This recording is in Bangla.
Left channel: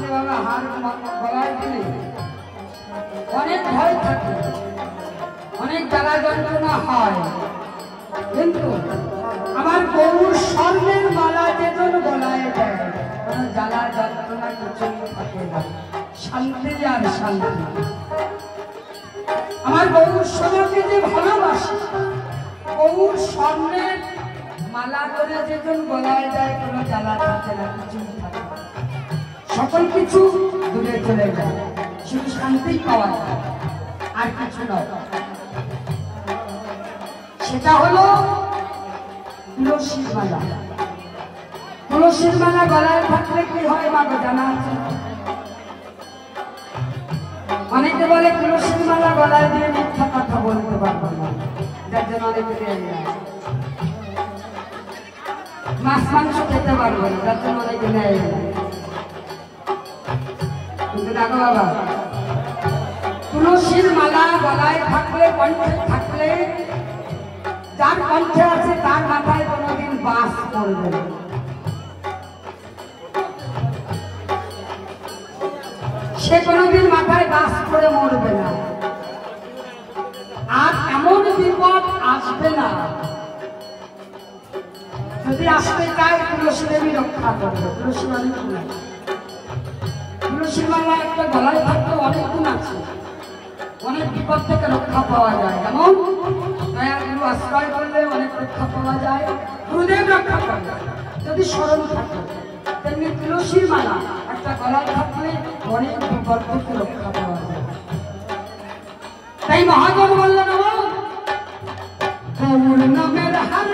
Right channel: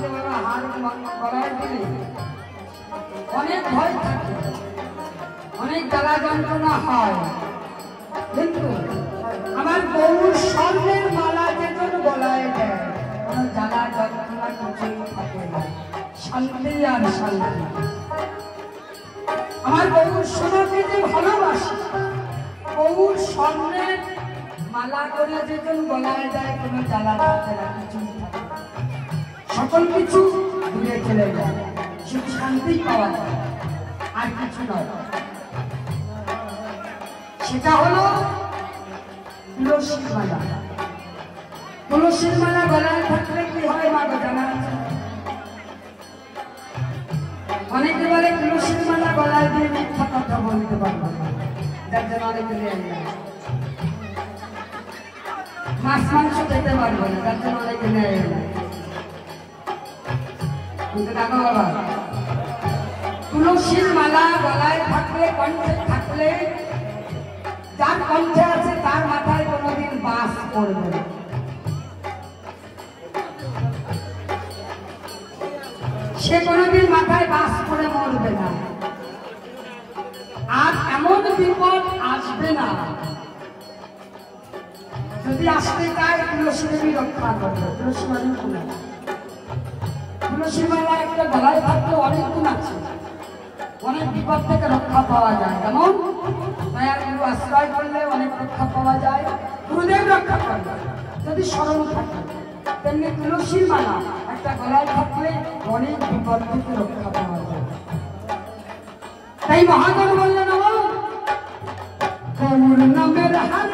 আসলে বাবা হার গলায় দিলে অনেক ভয় থাকে, অনেক জ্বালা যন্ত্রণা হয়, কিন্তু আমার গৌর স্বর্ণের মালা যেজন গলায় দেয় কোনো জ্বালা যন্ত্রণা কিছুই থাকে না, শান্তি আর শান্তি। আমার গৌর সোনাকে যে ভালোবাসে, গৌর স্বর্ণের মালা করে যেজন গলায় দেয় কোনো জ্বালা থাকে না, কিছুই থাকে না, সকল কিছু দূরে চলে যায়, শুধু শান্তি পাওয়া যায়, আর কিছু নয়। সেটা হলো তুলসীর মালা। তুলসীর মালা গলায় থাকলে কি হয় বাবা জানা আছে? অনেকে বলে তুলসীর মালা গলায় দিয়ে মিথ্যা কথা বলতে পারবো না, যার জন্য অনেকে মাছ মাংস খেতে পারবো না, যার জন্য অনেকে নেয়। কিন্তু দেখো বাবা, তুলসীর মালা গলায় থাকলে, কণ্ঠে থাকলে, যার কণ্ঠে আছে তার মাথায় কোনোদিন বাস পড়বে না। সে কোনোদিন মাথায় বাস করে মরবে না, আর এমন বিপদ আসবে না, যদি আসতে চায় তুলসী দেবী রক্ষা করবে। তুলসী অনেক গুণ, তুলসীর মালা একটা গলায় থাকলে অনেক গুণ আছে, অনেক বিপদ থেকে রক্ষা পাওয়া যায়। যেমন গুরু আশ্রয় করলে অনেক রক্ষা পাওয়া যায়, গুরুদেব রক্ষা করবে যদি স্মরণ থাকে। তেমনি তুলসীর মালা একটা গলায় থাকলে অনেক বিপদ থেকে রক্ষা পাওয়া যায়। তাই মহাজন বললেন, গৌর নামের হার